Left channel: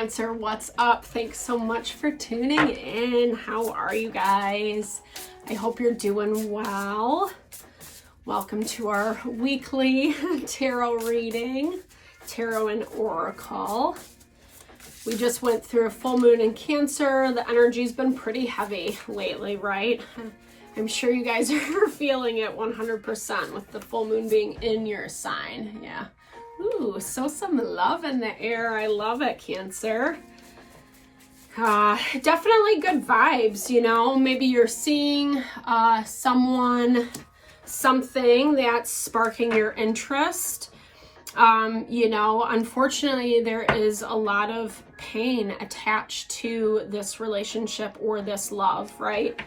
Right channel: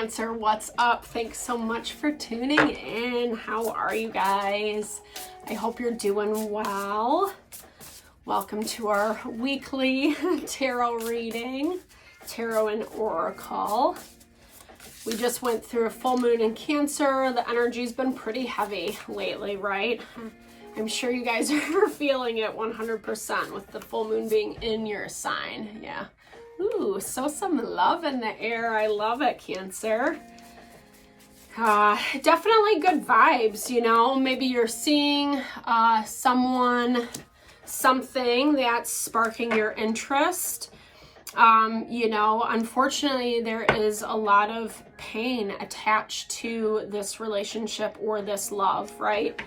Cancer, what's up? Thanks so much for tuning in. How are you guys? I hope you're doing well. Welcome to our weekly tarot reading, tarot and oracle. We just went through a full moon in Cancer. The energy's been pretty heavy lately, right? I'm sure you guys are feeling it 100% with the full moon being in your sign. Yeah. Ooh, so some love in the air. I love it, Cancer. Definitely good vibes, you know. Maybe you're seeing someone, something that's sparking your interest. You know, unfortunately, there is a lot of pain attached to this relationship or this love, right?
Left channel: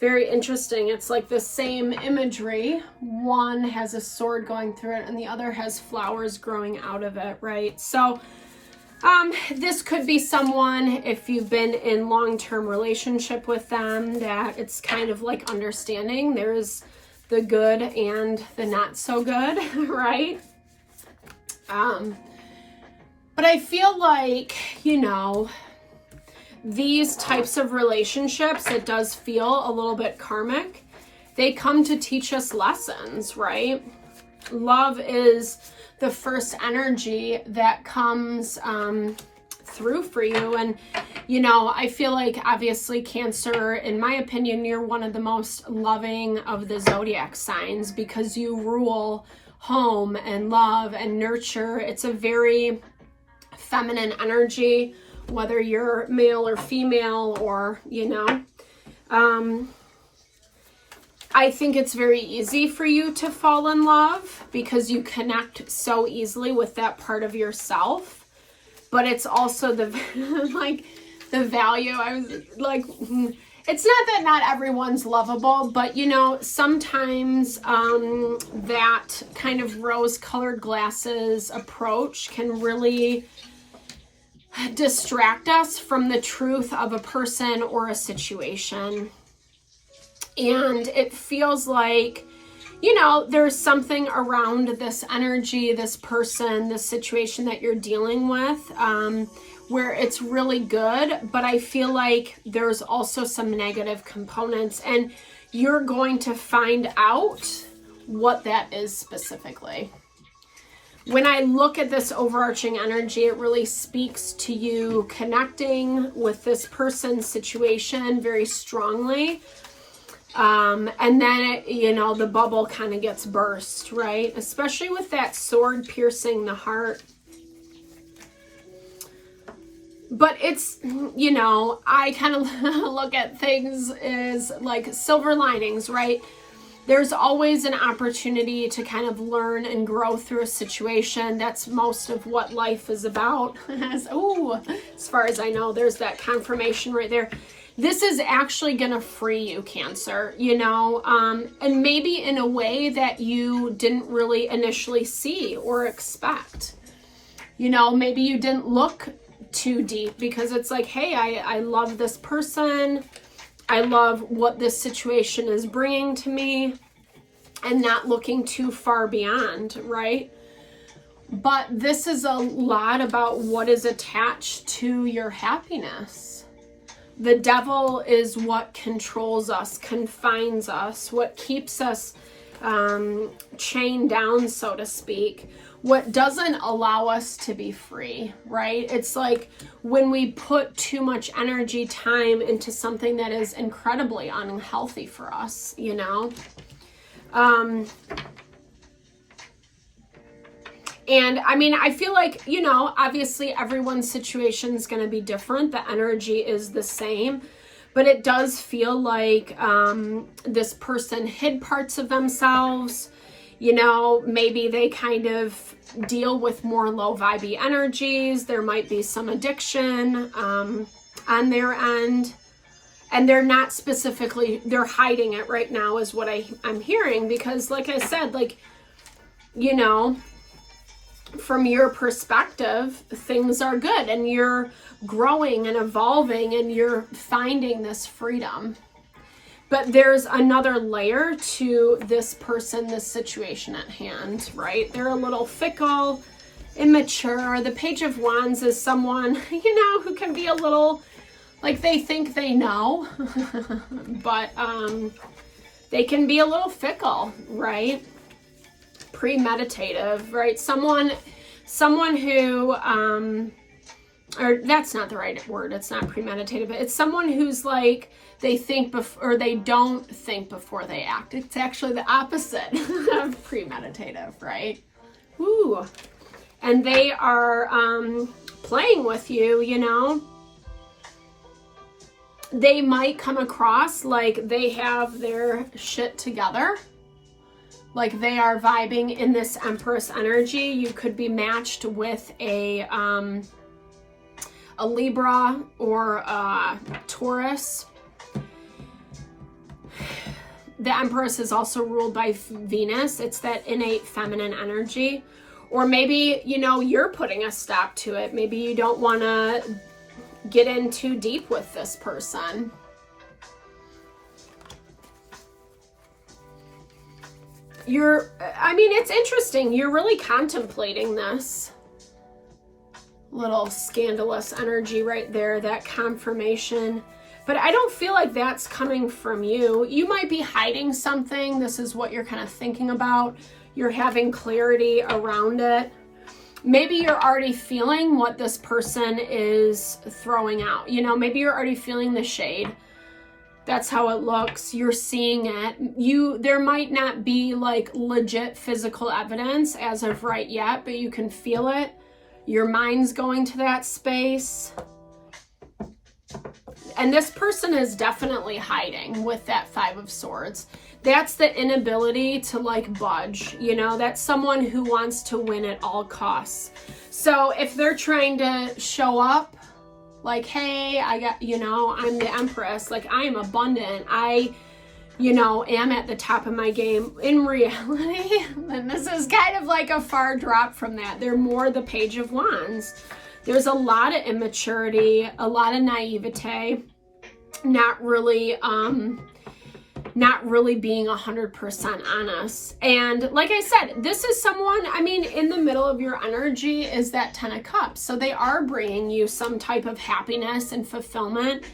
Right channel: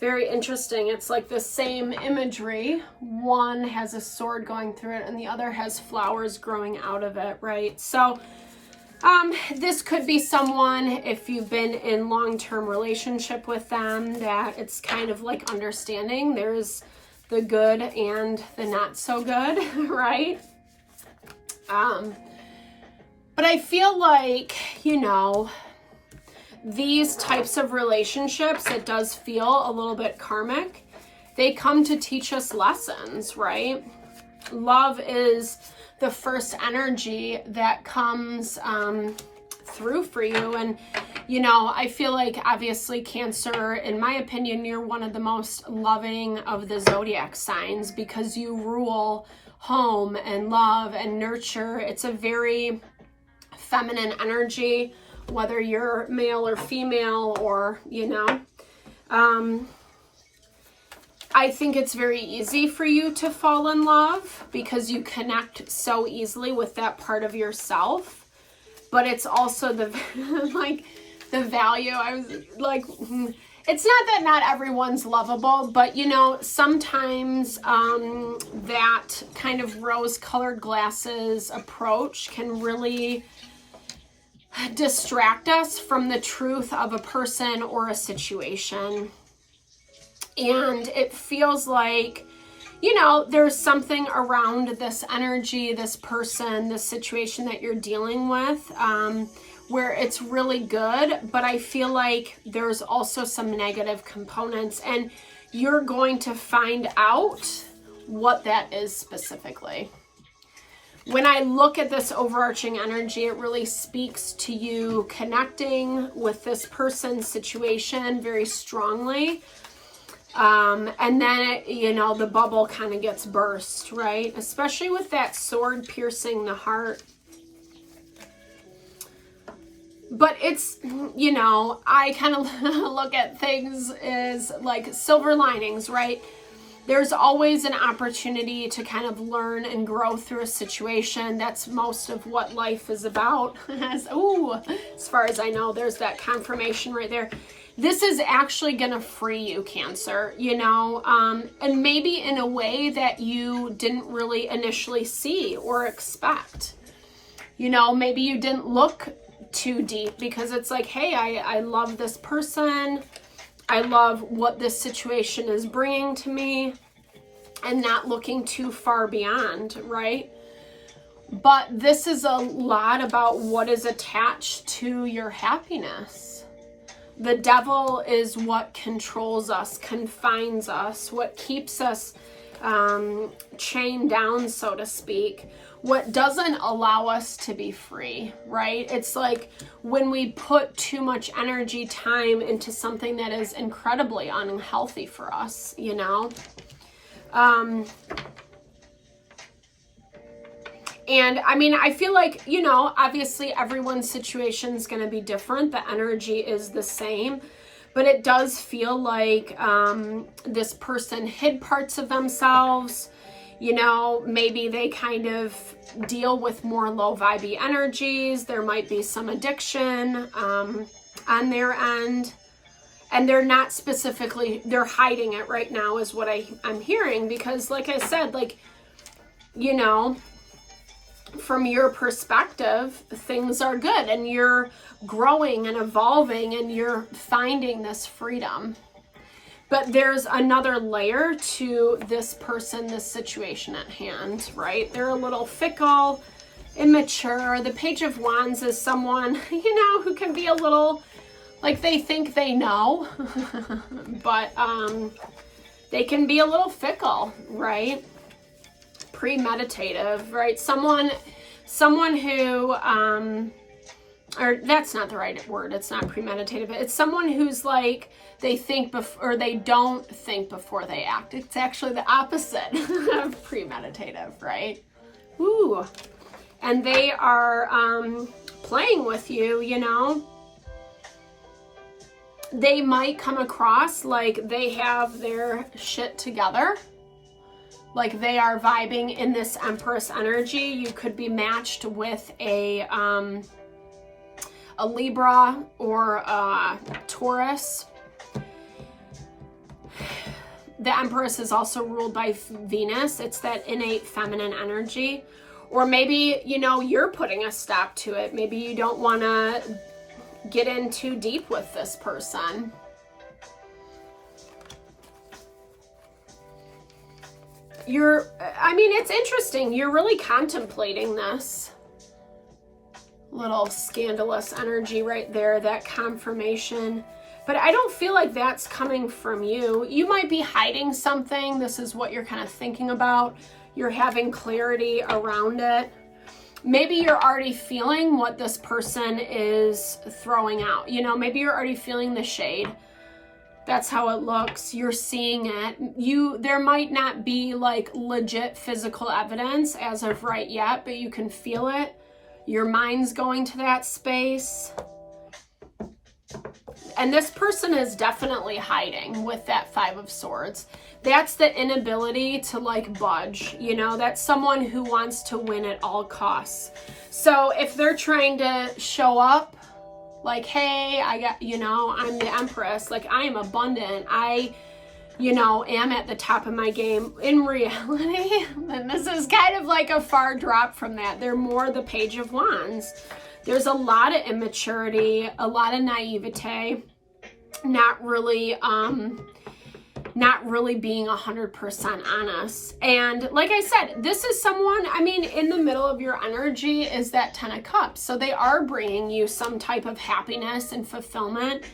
Very interesting. It's like the same imagery. One has a sword going through it and the other has flowers growing out of it, right? So this could be someone, if you've been in long-term relationship with them, that it's kind of like understanding there's the good and the not so good, right? But I feel like, you know, these types of relationships, it does feel a little bit karmic. They come to teach us lessons, right? Love is the first energy that comes through for you. And, you know, I feel like obviously Cancer, in my opinion, you're one of the most loving of the zodiac signs because you rule home and love and nurture. It's a very feminine energy, whether you're male or female, or, you know, I think it's very easy for you to fall in love because you connect so easily with that part of yourself. But it's also the, like, the value. I was like, it's not that not everyone's lovable, but, you know, sometimes that kind of rose-colored glasses approach can really distract us from the truth of a person or a situation. And it feels like, you know, there's something around this energy, this person, this situation that you're dealing with, where it's really good, but I feel like there's also some negative components, and you're going to find out what that is specifically. When I look at this overarching energy, it really speaks to you connecting with this person's situation very strongly. And then, you know, the bubble kind of gets burst, right? Especially with that sword piercing the heart. But it's, you know, I kind of look at things as like silver linings, right? There's always an opportunity to kind of learn and grow through a situation. That's most of what life is about. As far as I know, there's that confirmation right there. This is actually going to free you, Cancer, you know, and maybe in a way that you didn't really initially see or expect. You know, maybe you didn't look too deep because it's like, hey, I love this person. I love what this situation is bringing to me, and not looking too far beyond, right? But this is a lot about what is attached to your happiness. The devil is what controls us, confines us, what keeps us chained down, so to speak, what doesn't allow us to be free, right? It's like when we put too much energy, time into something that is incredibly unhealthy for us, you know? And I mean, I feel like, you know, obviously everyone's situation is going to be different. The energy is the same, but it does feel like this person hid parts of themselves. You know, maybe they kind of deal with more low vibey energies. There might be some addiction on their end. And they're not specifically, they're hiding it right now is what I'm hearing. Because like I said, like, you know, from your perspective, things are good. And you're growing and evolving and you're finding this freedom. But there's another layer to this person, this situation at hand, right? They're a little fickle immature. The Page of Wands is someone, you know, who can be a little, like they think they know, but they can be a little fickle, right? Premeditative, right? Someone who, or that's not the right word. It's not premeditative. It's someone who's like, they think before, or they don't think before they act. It's actually the opposite of premeditative, right? Ooh. And they are playing with you, you know. They might come across like they have their shit together. Like they are vibing in this Empress energy. You could be matched with a Libra or a Taurus. The Empress is also ruled by Venus. It's that innate feminine energy. Or maybe, you know, you're putting a stop to it. Maybe you don't want to get in too deep with this person. I mean, it's interesting. You're really contemplating this. Little scandalous energy right there, that confirmation. But I don't feel like that's coming from you. You might be hiding something. This is what you're kind of thinking about. You're having clarity around it. Maybe you're already feeling what this person is throwing out. You know, maybe you're already feeling the shade. That's how it looks. You're seeing it. There might not be like legit physical evidence as of right yet, but you can feel it. Your mind's going to that space. And this person is definitely hiding with that Five of Swords. That's the inability to like budge, you know, that's someone who wants to win at all costs. So if they're trying to show up like, hey, I got, you know, I'm the Empress, like I am abundant, I, you know, am at the top of my game. In reality, then this is kind of like a far drop from that. They're more the Page of Wands. There's a lot of immaturity, a lot of naivete, not really being 100% honest. And like I said, this is someone, I mean, in the middle of your energy is that 10 of Cups. So they are bringing you some type of happiness and fulfillment,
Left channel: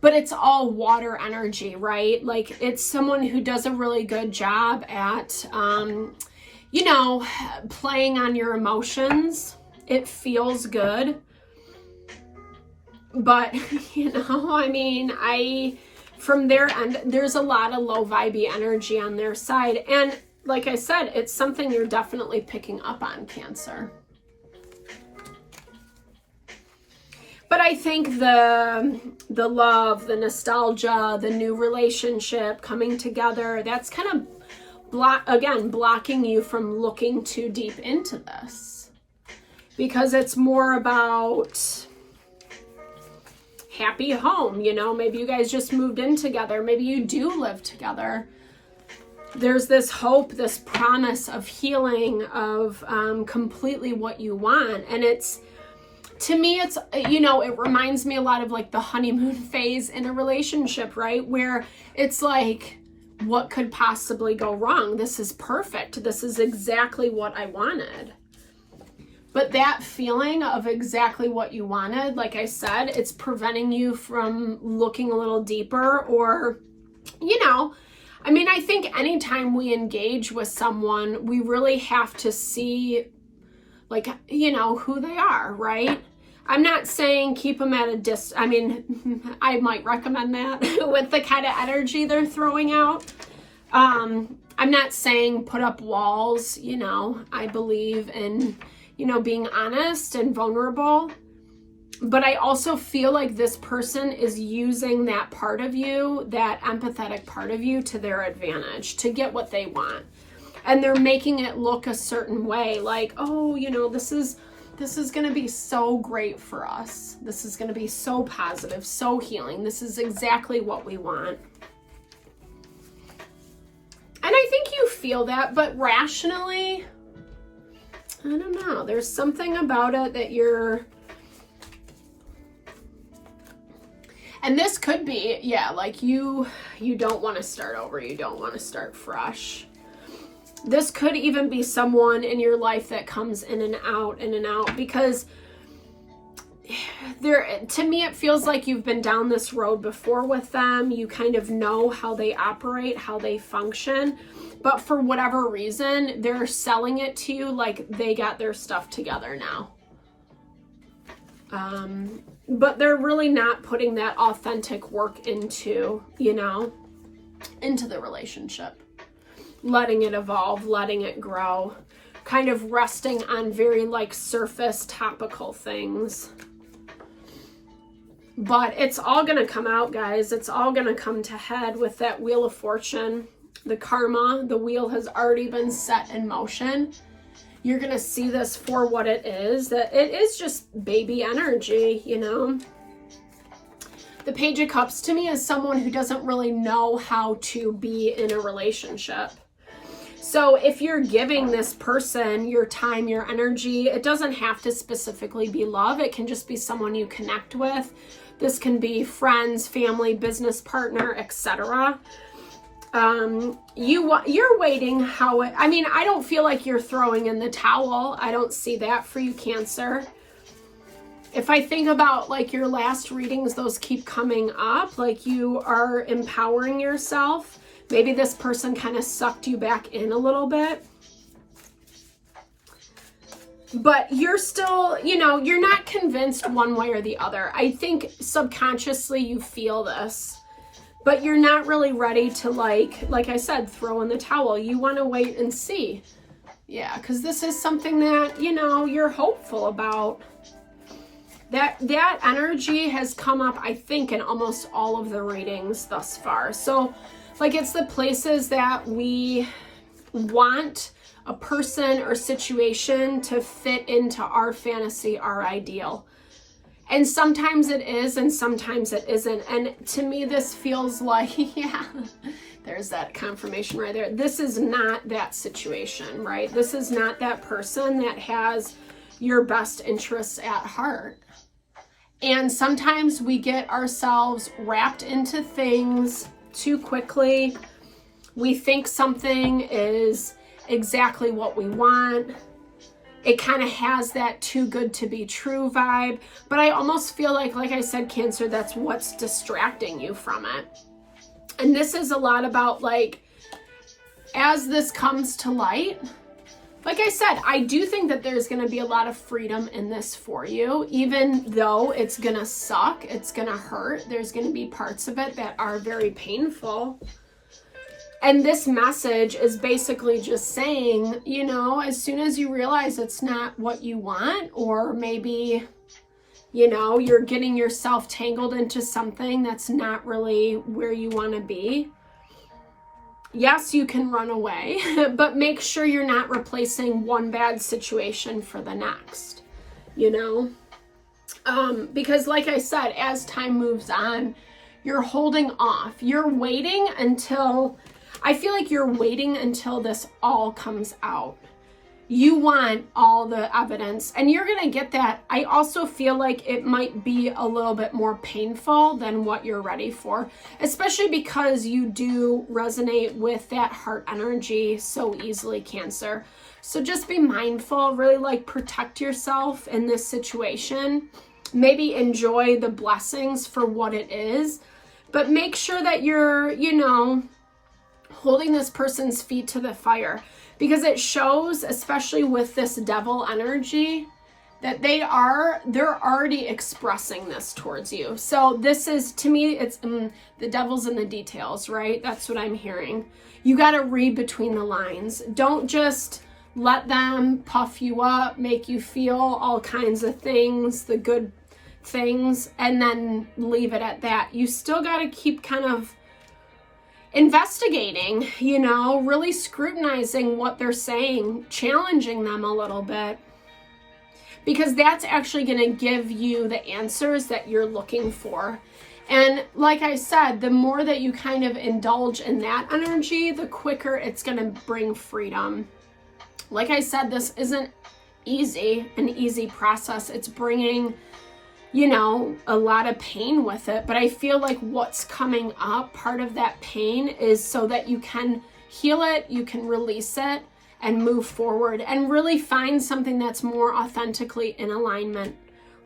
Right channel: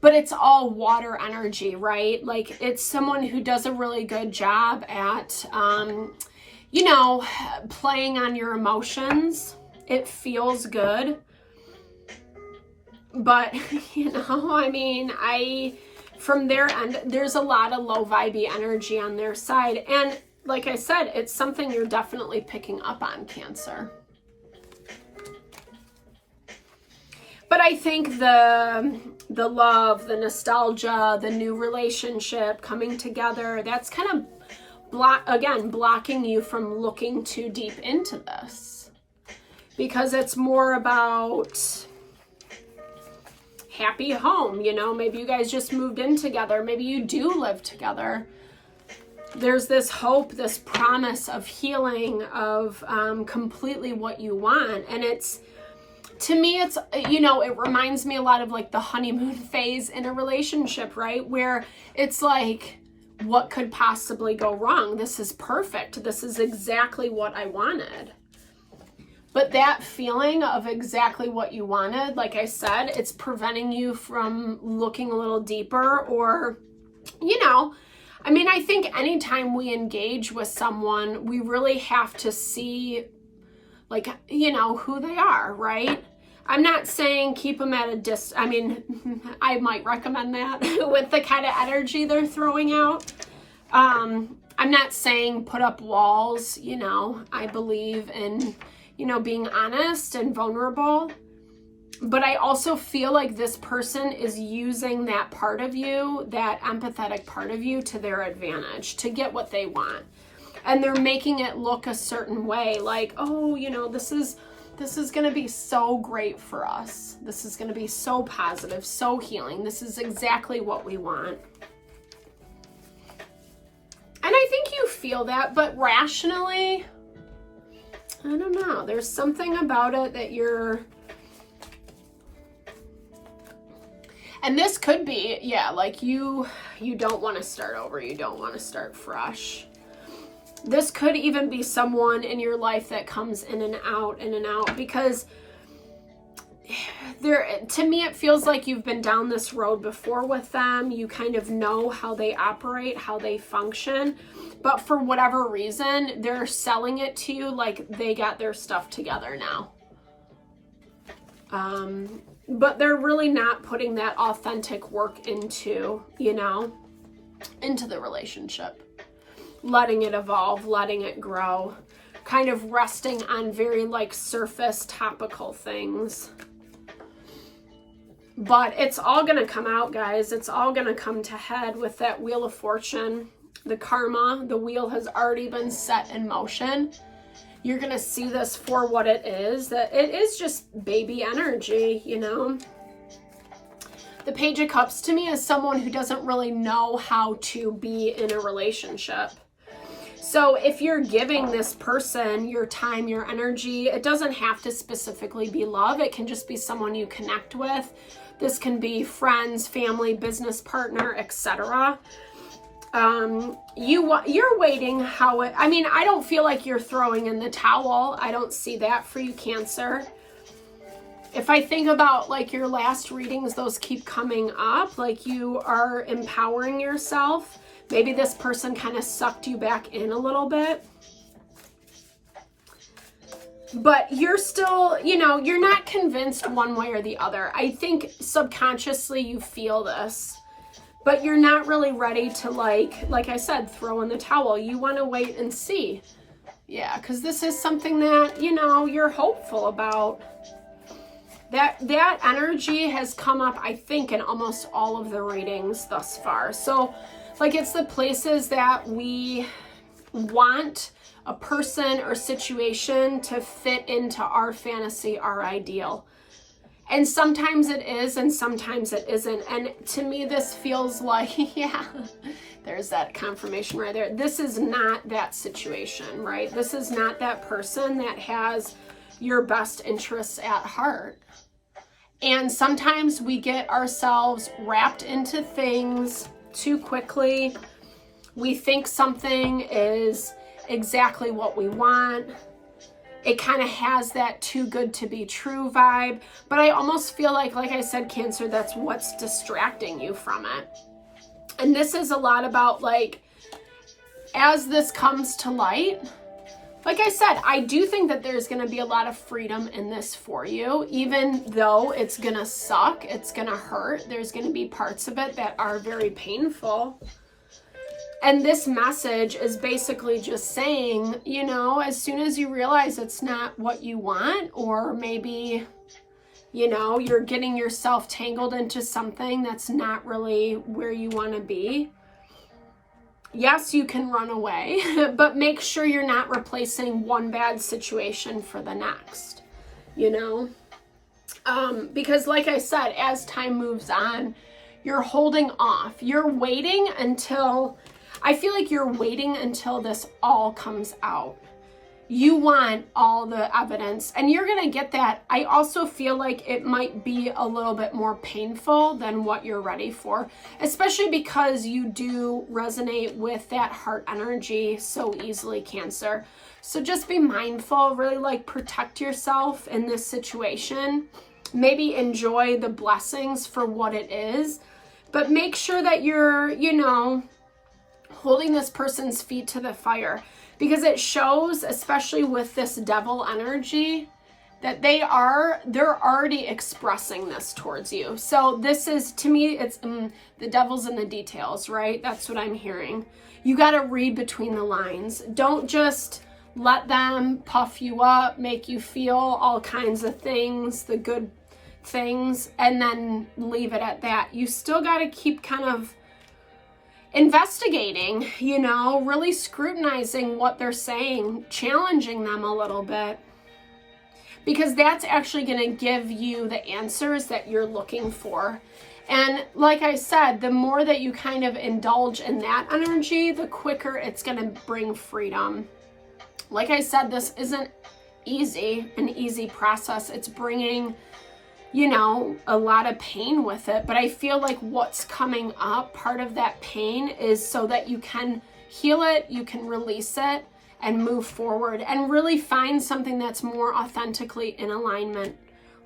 but it's all water energy, right? Like it's someone who does a really good job at, you know, playing on your emotions. It feels good. But, you know, I mean, from their end, there's a lot of low vibey energy on their side. And like I said, it's something you're definitely picking up on, Cancer. But I think the love, the nostalgia, the new relationship coming together, that's kind of blocking you from looking too deep into this. Because it's more about happy home, you know, maybe you guys just moved in together, maybe you do live together. There's this hope, this promise of healing, of completely what you want. And it's, to me, it's, you know, it reminds me a lot of like the honeymoon phase in a relationship, right? Where it's like, what could possibly go wrong? This is perfect. This is exactly what I wanted. But that feeling of exactly what you wanted, like I said, it's preventing you from looking a little deeper or, you know, I mean, I think anytime we engage with someone, we really have to see, like, you know, who they are, right? I'm not saying keep them at a distance. I mean, I might recommend that with the kind of energy they're throwing out. I'm not saying put up walls, you know, I believe in, you know, being honest and vulnerable. But I also feel like this person is using that part of you, that empathetic part of you, to their advantage, to get what they want. And they're making it look a certain way, like, oh, you know, this is going to be so great for us. This is going to be so positive, so healing. This is exactly what we want. And I think you feel that, but rationally, I don't know. There's something about it that you're, and this could be, yeah, like you don't want to start over. You don't want to start fresh. This could even be someone in your life that comes in and out, because to me, it feels like you've been down this road before with them. You kind of know how they operate, how they function, but for whatever reason, they're selling it to you like they got their stuff together now. But they're really not putting that authentic work into, into the relationship. Letting it evolve, letting it grow, kind of resting on very like surface topical things. But it's all going to come out, guys. It's all going to come to head with that Wheel of Fortune. The karma, the wheel has already been set in motion. You're going to see this for what it is. That it is just baby energy, The Page of Cups to me is someone who doesn't really know how to be in a relationship. So if you're giving this person your time, your energy, it doesn't have to specifically be love. It can just be someone you connect with. This can be friends, family, business partner, etc. You're waiting I don't feel like you're throwing in the towel. I don't see that for you, Cancer. If I think about like your last readings, those keep coming up, like you are empowering yourself. Maybe this person kind of sucked you back in a little bit. But you're still, you're not convinced one way or the other. I think subconsciously you feel this, but you're not really ready to like I said, throw in the towel. You want to wait and see. Yeah, because this is something that, you're hopeful about. That energy has come up, I think, in almost all of the readings thus far. So, it's the places that we want a person or situation to fit into our fantasy, our ideal. And sometimes it is, and sometimes it isn't. And to me, this feels like, yeah, there's that confirmation right there. This is not that situation, right? This is not that person that has your best interests at heart. And sometimes we get ourselves wrapped into things too quickly. We think something is exactly what we want. It kind of has that too good to be true vibe. But I almost feel like I said, Cancer, that's what's distracting you from it. And this is a lot about as this comes to light, like I said, I do think that there's going to be a lot of freedom in this for you, even though it's going to suck, it's going to hurt. There's going to be parts of it that are very painful. And this message is basically just saying, as soon as you realize it's not what you want, or maybe, you're getting yourself tangled into something that's not really where you want to be. Yes, you can run away, but make sure you're not replacing one bad situation for the next, because like I said, as time moves on, you're holding off. You're waiting until, I feel like you're waiting until this all comes out. You want all the evidence, and you're going to get that. I also feel like it might be a little bit more painful than what you're ready for, especially because you do resonate with that heart energy so easily, Cancer. So just be mindful, really protect yourself in this situation. Maybe enjoy the blessings for what it is, but make sure that you're, holding this person's feet to the fire. Because it shows, especially with this devil energy, that they're already expressing this towards you. So this is, to me, it's the devil's in the details, right? That's what I'm hearing. You got to read between the lines. Don't just let them puff you up, make you feel all kinds of things, the good things, and then leave it at that. You still got to keep kind of investigating, really scrutinizing what they're saying, challenging them a little bit, because that's actually going to give you the answers that you're looking for. And like I said, the more that you kind of indulge in that energy, the quicker it's going to bring freedom. Like I said, this isn't an easy process. It's bringing a lot of pain with it. But I feel like what's coming up, part of that pain is so that you can heal it, you can release it, and move forward and really find something that's more authentically in alignment.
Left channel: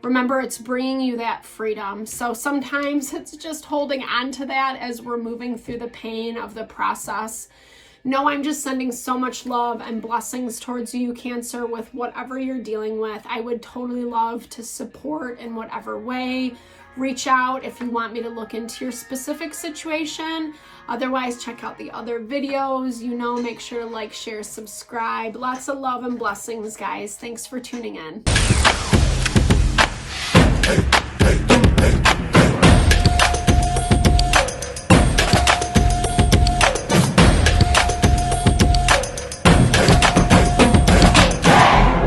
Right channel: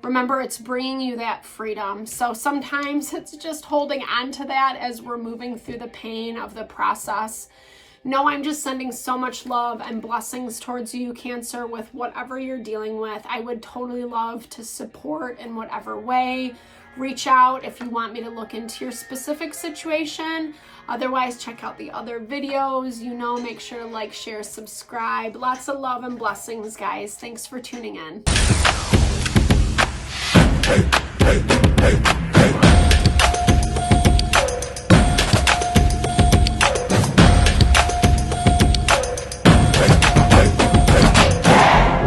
Remember, it's bringing you that freedom. So sometimes it's just holding on to that as we're moving through the pain of the process. No, I'm just sending so much love and blessings towards you, Cancer, with whatever you're dealing with. I would totally love to support in whatever way. Reach out if you want me to look into your specific situation. Otherwise, check out the other videos. Make sure to like, share, subscribe. Lots of love and blessings, guys. Thanks for tuning in.